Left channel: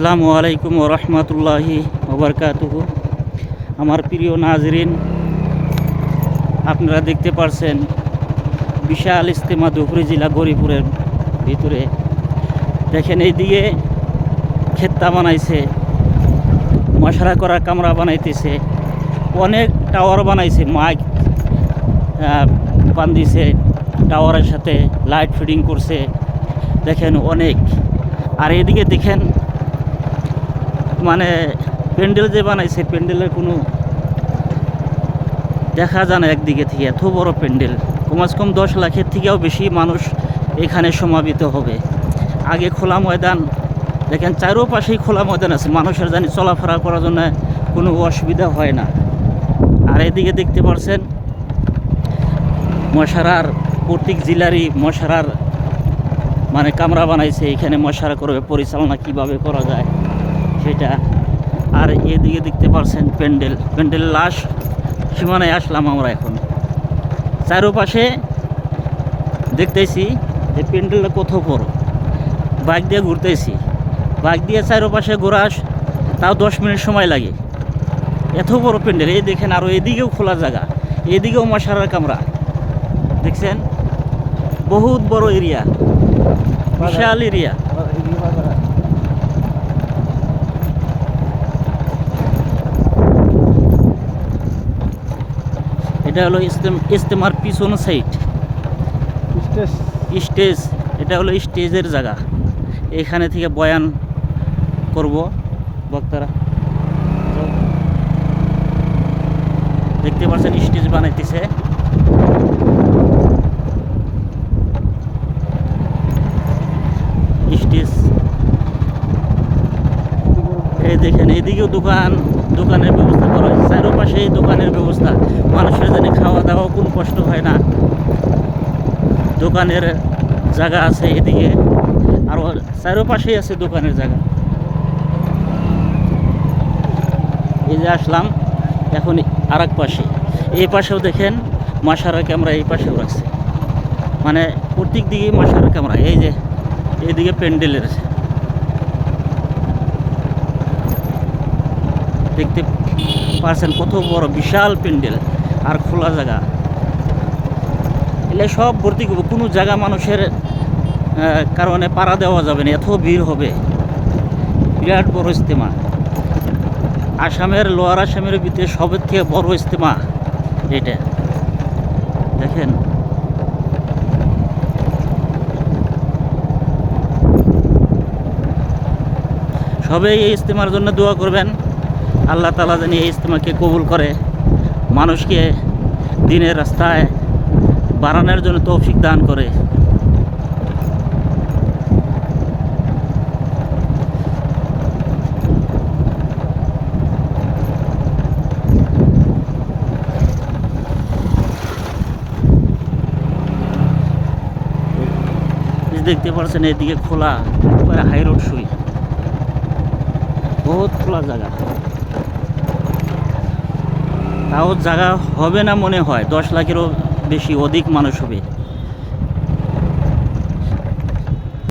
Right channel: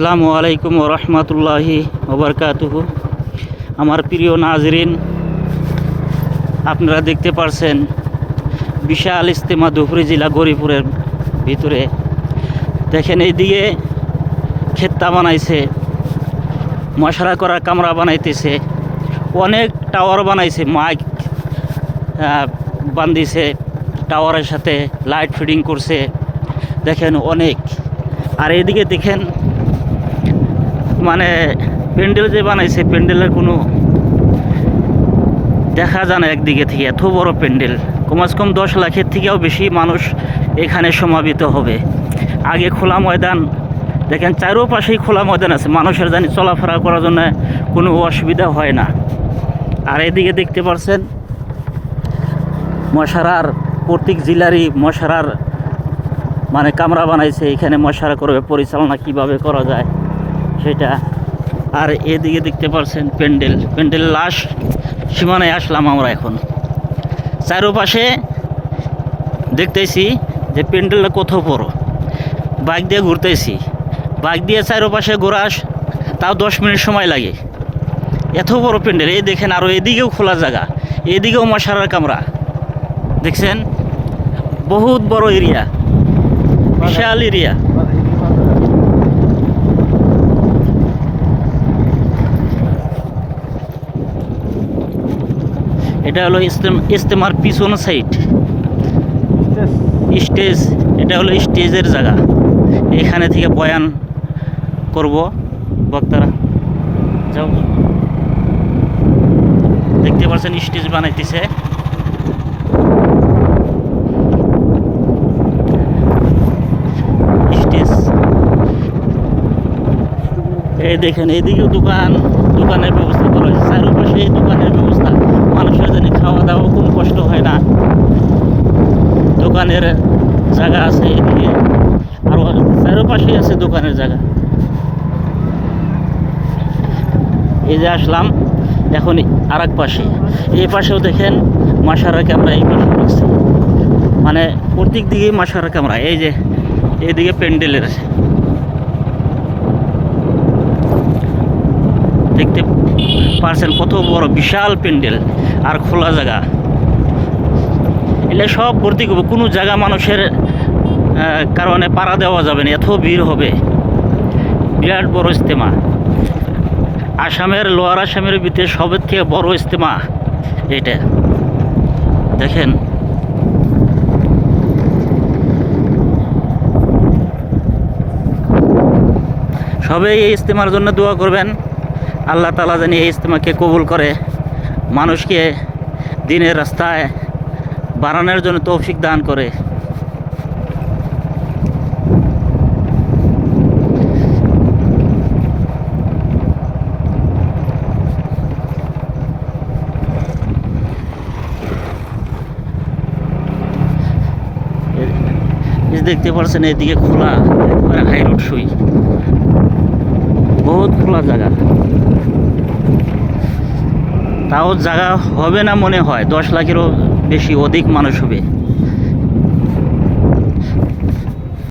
আসসালামু আলাইকুম ওয়া রাহমাতুল্লাহি ওয়া বারাকাতুহু। আমার প্রিয় নাজরিন, আপনারা দেখতে পারছেন বিশাল ইজতেমা ধুবড়ী জেলা গৌরীপুরের ভিতরে। দেখেন এইদিকে খেত্তা বানাইছে, মশারা করা কামরা বানাইতেছে, অনেক টাওয়ার বানাইছে, মাইক বান্ধিছে, টাওয়ারের সাথে লাইট ফিডিং করছে। দেখেন অনেক। আর এদিকে দেখেন মানে প্যান্ডেল যে বানাইছে, প্যান্ডেলের কোনো দেখা যায় না একদিকে থেকে। এত বড় প্যান্ডেল, কমাস কম 10 লাখের থেকেও বেশি মানুষ এখানে সমাবেত হবে। আগে খোলা ময়দান, দেখেন চারোপাশেই খোলা ময়দান আছে, মানুষের জানি চলাফেরা করার জন্য কোনো অসুবিধা হয় না। আর এদিকে দেখতে পাচ্ছেন মশারার, প্রত্যেক জেলারই মশারার মানে কামরা বানাইছে, এখানে মশারা করবে, পরিচালনা কিভাবে করা যায় সেটা। আর এদিকে দেখতে পাচ্ছেন প্যান্ডেল লাস্ট সীমানায় আসলাম আমরা এখন। চারোপাশে দেখতেছি যে প্যান্ডেলটা কত বড়। বাইক দিয়ে ঘুরতেছি, বাইক দিয়ে চারোপাশে ঘোরা তাও 10 মিনিট সময় লাগে, এত বড় প্যান্ডেল। এই দেখেন, আরও এদিকেও খোলা জায়গা, এদিকেও মশারার কামরা দেখছেন। বহুত বড় এরিয়া, বিশাল এরিয়া। এটা হলো ইজতেমার পিছন সাইড, স্টেজ। এটা হলো স্টেজের জায়গা, এখানে থেকে বয়ান করব বক্তারা। যাও, দেখতে পাচ্ছেন স্টেজ বানাইতেছে। স্টেজ এই দেখেন, এদিকেও দোকানের ব্যবস্থা করা হয়েছে, চারোপাশে এই দোকানের ব্যবস্থা। মানুষের জানি খাওয়া দাওয়া কোনো কষ্ট হয় না, দোকানের জায়গা আছে এদিকে, আর চারোপাশেই আছে দোকানের জায়গা। এই যে আসলাম এখন আর এক পাশে, এই পাশেও দেখেন মশারা ক্যামেরা, এই পাশেও রাখছে, মানে প্রত্যেক দিকেই মশারা ক্যামেরা। এই যে এইদিকে প্যান্ডেলের দেখতে পারছেন কত বড় বিশাল প্যান্ডেল আর খোলা জায়গা। এলে সব ভর্তি করবো, কোনো জায়গা মানুষের কারণে পাড়া দেওয়া যাবে না, এত ভিড় হবে। বিরাট বড় ইজতেমা, আসামের, লোয়ার আসামের ভিতরে সবের থেকে বড় ইজতেমা এটা। দেখেন সবাই এই ইজতেমার জন্য দোয়া করবেন, আল্লাহ তাআলা জানি এই ইজতেমাকে কবুল করে, মানুষকে দিনের রাস্তায় বাড়ানোর জন্য তৌফিক দান করে। দেখতে পাচ্ছেন এদিকে খোলা, একবারে হাই রোড সুই, বহুত খোলা জায়গা। তাও জায়গা হবে না মনে হয়, 10 লাখেরও বেশি, অধিক মানুষ হবে।